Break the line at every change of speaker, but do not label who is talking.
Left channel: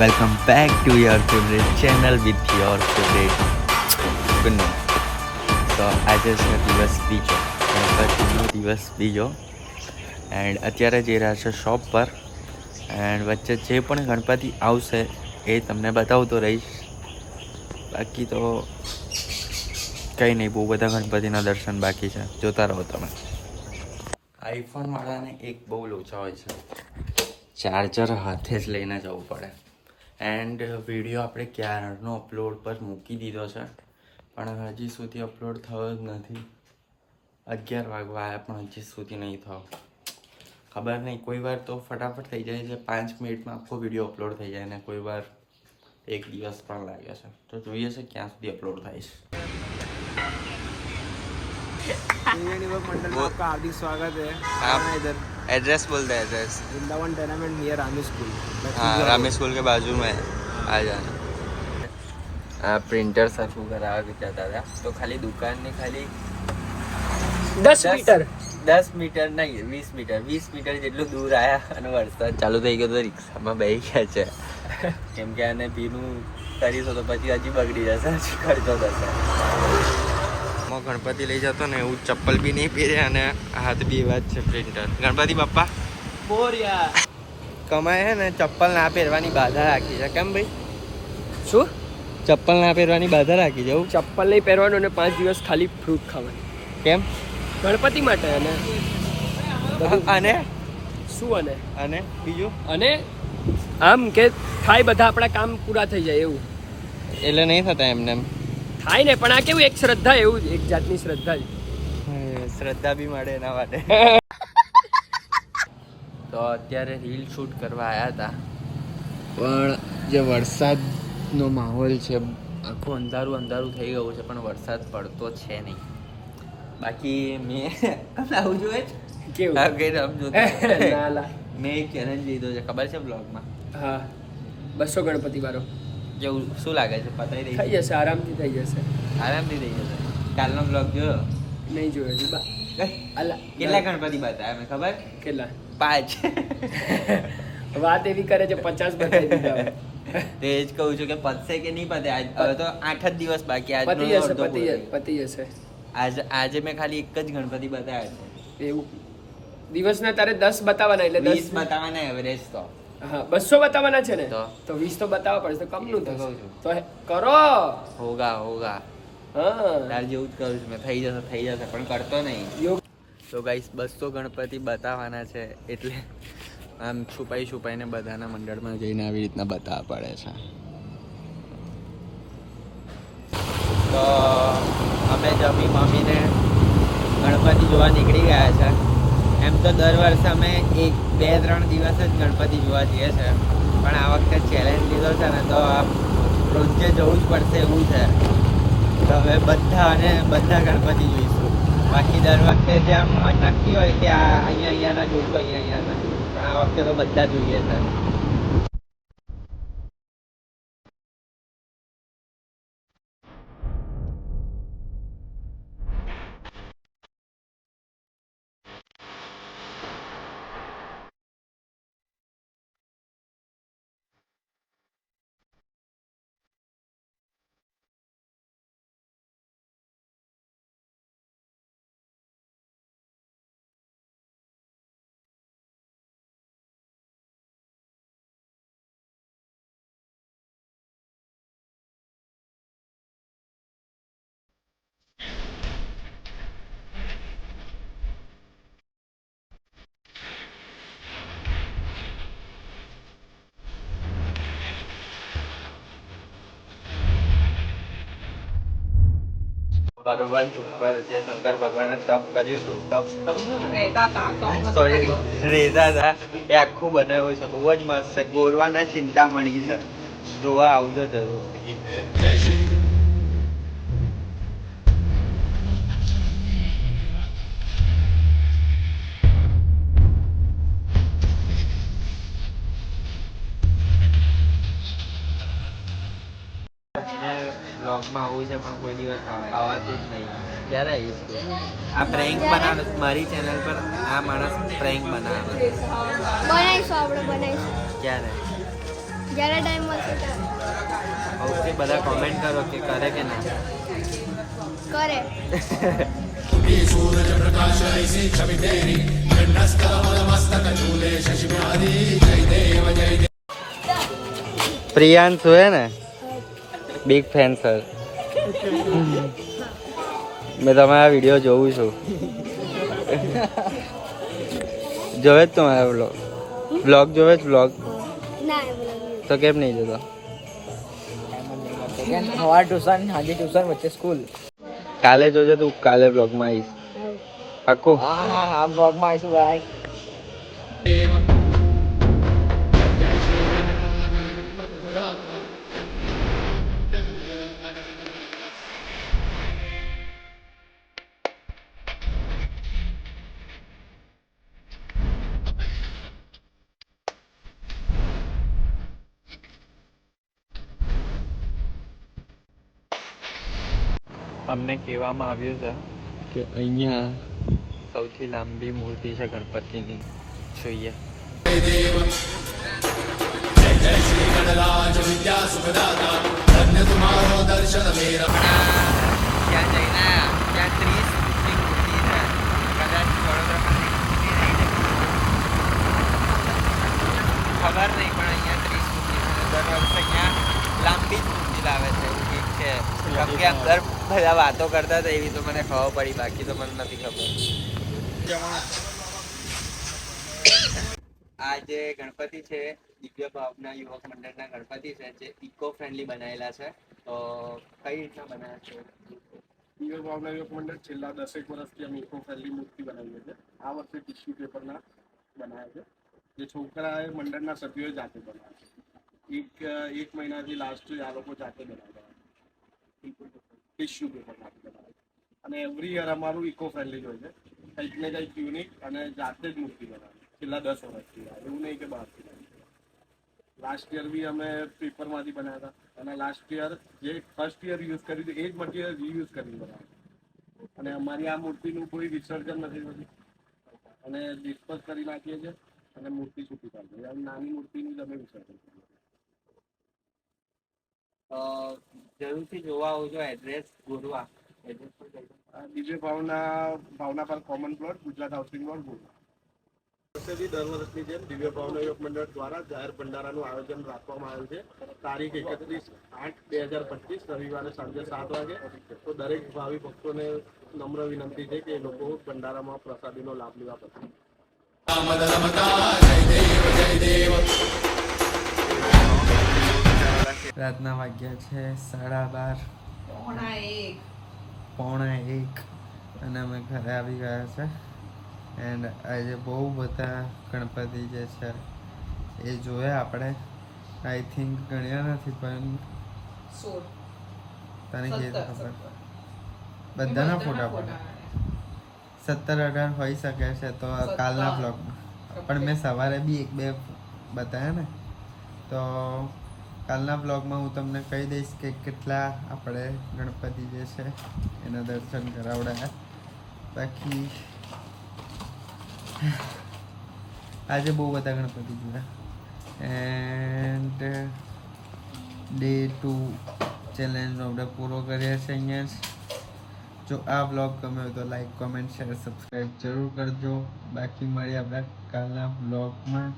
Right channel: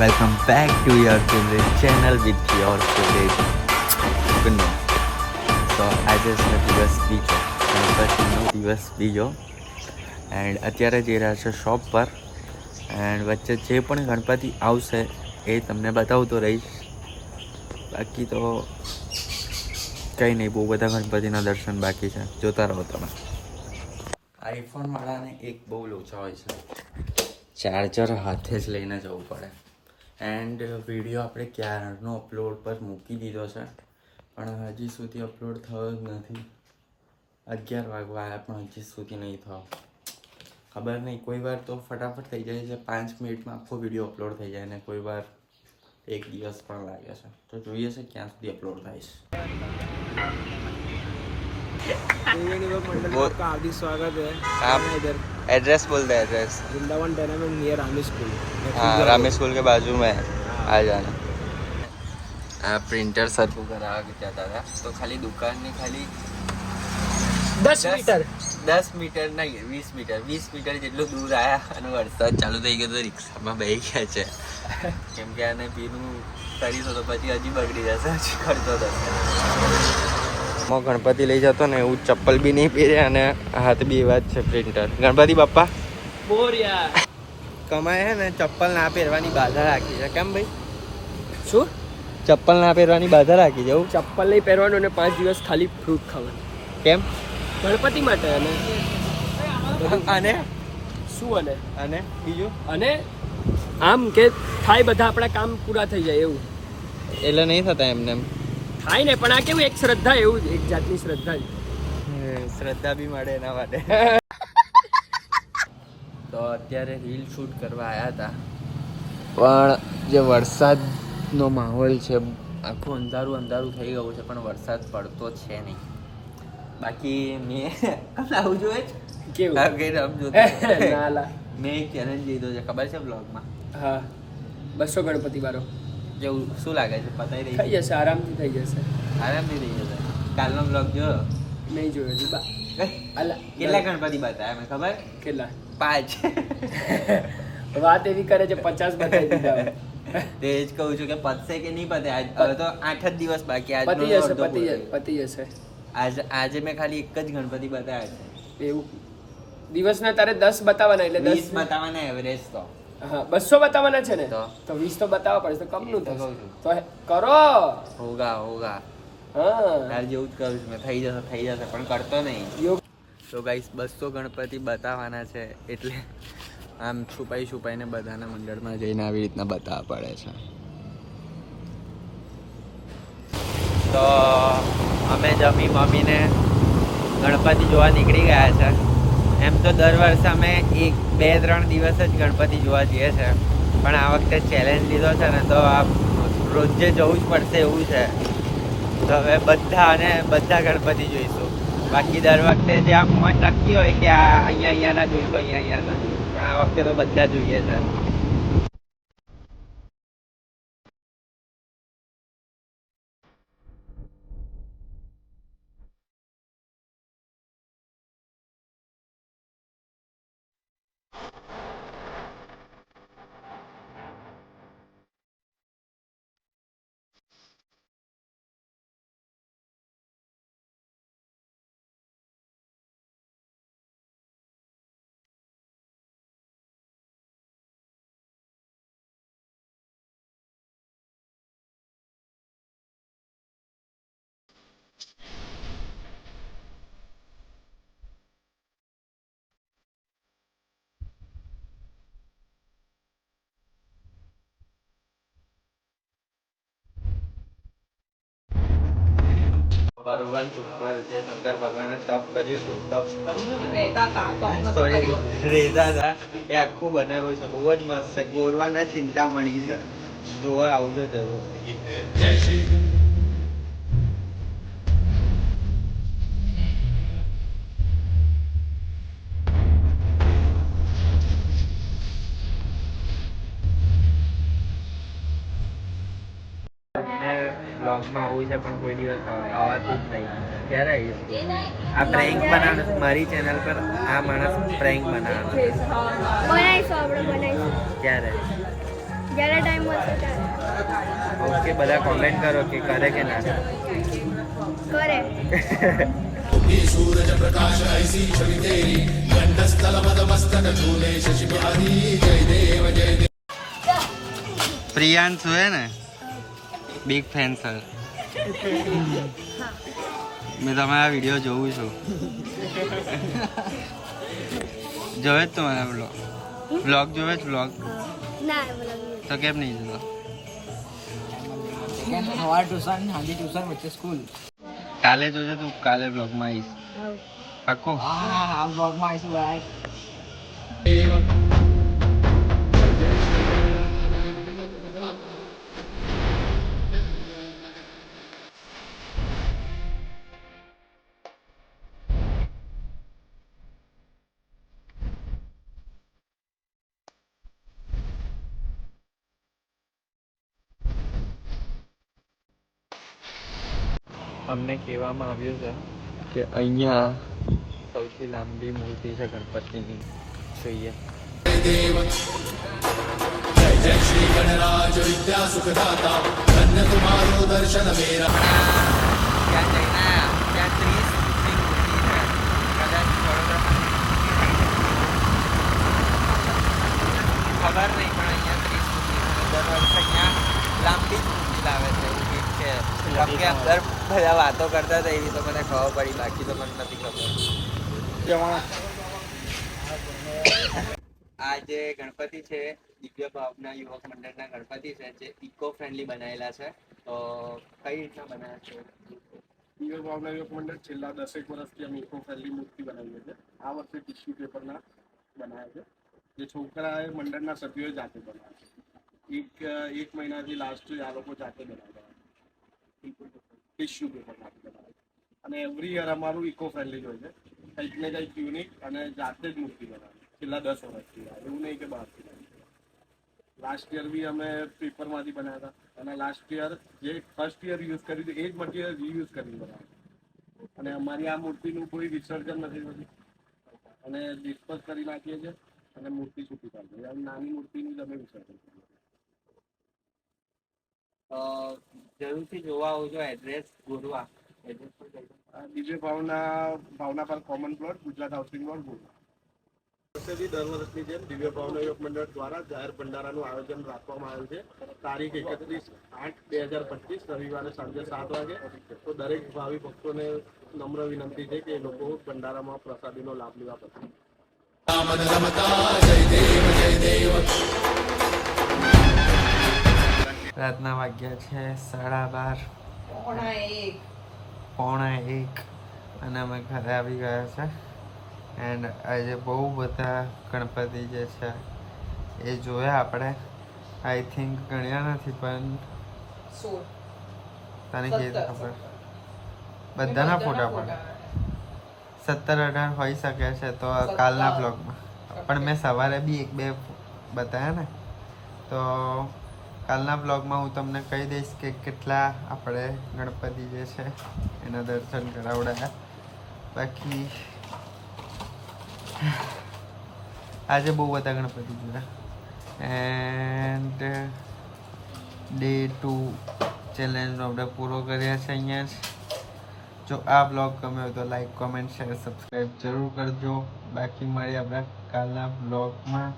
Welcome back to your favorite channel with your favorite Kunnu. તો આજે છે દિવસ બીજો. ગણપતિનો દિવસ બીજો. એન્ડ અત્યારે જઈ રહ્યા છે શોપ પર. એન્ડ વચ્ચે જે પણ ગણપતિ આવશે એ તમને બતાવતો રહીશ. બાકી તો કંઈ નહીં, બહુ બધા ગણપતિના દર્શન બાકી છે. જોતા રહો તમે. આઈફોનવાળાને એક બહુ લોચા હોય છે. ચાર્જર હાથે જ લઈને જવું પડે. એન્ડ વીડિયો આપણે ક્યારનો અપલોડ પર મૂકી દીધો છે. પણ હજી સુધી અપલોડ થયો જ નથી. અગિયાર વાગવા આવ્યા પણ હજી સુધી નહીં થયો. ખબર નહીં, કોઈ વાર તો ફટાફટ થઈ જાય છે. પાંચ મિનિટમાં આખો વીડિયો અપલોડ થઈ જાય ને કોઈ વાર એક દિવસ પણ લાગે છે. તો જોઈએ છે ક્યાં સુધી અપલોડ થાય છે.
इंडियन युवक मंडल में
वो-
आपका हार्दिक स्वागत है
आप-
मैं इधर
एड्रेस बोल दे address
Vrindavan tournament near Rami school
हाँ रामी स्कूल के बाजू में है आ जाना આ પ્રિન્ટર સરખું કરાવવા જતા હતા તો ખાલી દુકાનની ખાલી
दस मीटर
દસ મીટર નહીં વીસ મીટર વીસ મીટર જેટલું દૂર આવ્યા અને વરસાદ ચાલુ થઈ ગયો તો રિક્ષામાં બેસી ગયા છે કેમ કે આને ભીનું કરીશું તો પછી હજી બગડી જશે હજી ખર્ચો થશે હું ગણપતિ લઈ જતો ને એવું ચપ્પલ બી નહીં પહેરે અને હાથ બી એવા જ છે પ્રિન્ટર ગણપતિ બાપા
બોરિયા.
કમાય છે ને ચપ્પલ ના પહેરવાની બાધા રાખી છે. કેમ ભાઈ?
શું?
ચપ્પલ ના પહેરવાની બાધા રાખી જવું
ચપ્પલ નહીં પહેરવાનું અને પાંચ દિવસ ખાલી ફ્રૂટ ખાવાનું.
કેમ?
ગણપતિ માટે અને?
અને?
શું અને?
અને? બીજું?
અને? આમ કે થાય બધા આપણા કામ પૂરા થઈ જાય એવું.
એટલે નહીં થતા એમને એમ?
થાય ને પણ આ કેવું એક શ્રદ્ધા એવું એક જાતની શ્રદ્ધા જ.
શ્રદ્ધા બી મળે એના માટે. તો અત્યારે રીલ શૂટ કરવા આવ્યા હતા. પણ જે વરસાદનો માહોલ છે આખું અંધારું અંધારું થઈ ગયું છે પણ વરસાદ પડતો છે નહીં. બાકી મેં આવું જોઈએ
કેવું?
કઈ સમજો મેં એક ચેલેન્જ લીધો છે ખબર છે બ્લોગમાં
હા. બસો ગણપતિ વાળો.
જેવું શું લાગે છે? પતાવી
થઈ
દઈ
જશે આરામથી થઈ જશે.
આરામથી થઈ જશે. કાલનો બ્લોગ જો
નહીં જોયો હજી બા.
કેટલા ગણપતિ બતાવ્યા મેં ખબર?
કેટલા?
પાંચ.
વાત એવી કરે છે પચાસ બતાવી દીધા.
તો જ કહું છું કે પતશે કે નહીં પતે? આજ હવે તો આઠ જ દિવસ બાકી આજે
પતી જશે પતી જશે પતી જશે.
આજ આજે મેં ખાલી એક જ ગણપતિ બતાવ્યા છે.
એવું. દિવસના તારે દસ બતાવવાના એટલે દસ
બતાવવાના એવરેજ તો.
હા બસો બતાવવાના છે ને?
તો?
વીસ તો બતાવવા પડશે કમનું
તો.
તો કરો.
હોગા હોગા.
હા.
તાર જેવું જ કરું છું મેં થઈ જશે થઈ જશે પણ કરતો નહીં. તો ગાઈસ બસો ગણપતિ બતાવવાના છે એટલે આમ છુપાઈ છુપાઈને બધાના મંડળમાં જઈને આવી રીતના બતાવવા પડે છે. તો અમે જમી મમ્મીને ગણપતિ જોવા નીકળી ગયા છે. એમ તો દર વર્ષે અમે એક, બે, ત્રણ દિવસ જ ગણપતિ જોવા જઈએ છે. પણ આ વખતે ચેલેન્જ લીધો છે ને તો આ રોજે જવું જ પડશે એવું છે. તો હવે બધા અને બધા ગણપતિ જોઈશું. બાકી દર વખતે જે આમ નક્કી હોય કે આ અહીંયા, અહીંયાના જોઈશું, અહીંયા, અહીંયાના. આ વખતે તો બધા જોઈએ છે. ભગવાન ઉપર જે શંકર ભગવાને તપ કર્યું હતું તપ સોરી રેતા હતા એ આખું બનાવ્યું છે બહુ જ મસ્ત છે ગોરવાના ચિંતામણી છે જોવા આવજો જરૂર બ્લોગમાં આવું છે પણ કોઈ દિવસ આવવાતું જ નહીં. ક્યારે આવીશ? આ પ્રેન્ક બનાવવાનો મારી ચેનલ પર આ માણસ પ્રેન્ક બનાવવાનો છે.
બનાવીશું આપણે બનાવીશું.
ક્યારે?
જ્યારે ટાઈમ મળશે
ઓકે બધા કોમેન્ટ કરો કે કરે કે ના
કરે.
પ્રિયાંશુ હે ને? બિગ ફેન સર મેં તમારા વીડિયો જોઉં છું. જોવે જ તમારા બ્લોગ બ્લોગ જોવે જ બ્લોગ તો કેમ નહીં જોતો?
સવાર ટ્યુશન સાંજે ટ્યુશન વચ્ચે સ્કૂલ
કાલે જોજો તું કાલે બ્લોગમાં આવીશ. પાક્કું?
હા હા બ્લોગમાં આવીશું ભાઈ.
અમને કહેવામાં આવ્યું છે કે અહીંયા સૌથી લાંબી મૂર્તિ છે ગણપતિની. જોઈએ. ત્યાં જઈને ત્યાં ત્રીસ ફૂટની મૂર્તિ છે. કદાચ વડોદરામાં ખબર નહીં પણ અહીંયા ત્રીસ મૂર્તિ છે. દર વર્ષે અહીંયા લાંબી જ મૂર્તિ લાવે છે એવું. છે કેમ કે અંદર બધા વાતો કરતા હતા એવી તો મને ખબર પડી, બાકી તો મને નથી ખબર. આ જે ગણપતિ છે, દિવ્ય ભાવના યુવક મંડળના ગણપતિ છે, જે ઇકો ફ્રેન્ડલી બનાવેલા છે, તો કઈ રીતના બનાવ્યા છે?
દિવ્ય ભાવના યુવક મંડળ છેલ્લા દસેક વર્ષથી અમે ઇકો ફ્રેન્ડલી મૂર્તિ બનાવીએ છીએ. આ વર્ષે ટિશ્યુ પેપરના બનાવ્યા છે. જે છોકરાએ મંડળના સભ્યોએ જાતે બનાવ્યા છે. એક એક મહિનાથી લાસ્ટ આ લોકો જાતે બનાવ્યા ટિશ્યુ પેપર અને એવરી યર અમારું ઇકો ફ્રેન્ડલી જ હોય છે. કંઈક ને કંઈક યુનિક અને જાતે જ મૂર્તિ બનાવે છેલ્લા દસ વર્ષથી. એવું નહીં કે બહારથી લાસ્ટ યર બી અમે પેપરમાંથી બનાવ્યા હતા. અને લાસ્ટ યર જે ફર્સ્ટ યર યુઝ કર્યું હતું એ જ મટીરિયલ રીયુઝ કરી બનાવ્યું અને અમારી આ મૂર્તિનું કોઈ વિસર્જન નથી થતું. અને ડિસ્પોઝ કરી નાખીએ છીએ અને મૂર્તિ છૂટી પાડીએ નાની મૂર્તિનું જ અમે વિસર્જન કરીએ
જરૂરથી જોવા આવજો એડ્રેસ ગોરવા. એડ્રેસ પર.
ભાવના ભાવના પર common plot Gujarat housing board Gorwa. વર્ષેથી દર વર્ષની જેમ દિવ્ય ભાવના યોગ મંડળ દ્વારા જાહેર ભંડારાનું આયોજન રાખવામાં આવ્યું છે. તારીખ એકત્રીસ આઠ બે હજાર પચીસ રવિવારે સાંજે સાત વાગે. તો દરેક ભાવિ ભક્તોને નમ્ર વિનંતી છે કે એ લોકો ભંડારામાં પ્રસાદીનો લાભ લેવા પસંદ
રાતના વાગ્યા છે સાડા બાર. પોણા એક. અને અમે ઘરે આવી ગયા છે. એન્ડ આજે બહુ બધા ગણપતિ જે છે એ જોયા આપણે. આઈ થિંક ગણ્યા નથી પણ તને કે ખબર. બધાના ફોટા પડે. સત્તર અઢાર હોઈ શકે છે તો કાલના બ્લોગમાં પણ મેં સવારે બી એક બે બતાવ્યા ને. તો કાલના બ્લોગમાં હું તમને કહી દઈશ કે કેટલા આપણે ગણપતિ જે છે, એના દર્શન કરાવડાયા. બાકી આજે બહુ બધા ગણપતિ જોયા એન્ડ ડે ટુ ચેલેન્જનો આપણે પૂરો કર્યા છે અહીંયા જ. જો આ બ્લોગ ગમ્યો તો લાઈક કોમેન્ટ શેર સબસ્ક્રાઈબ જરૂર કરજો. બાકી મળીએ આપણે કાલના બ્લોગમાં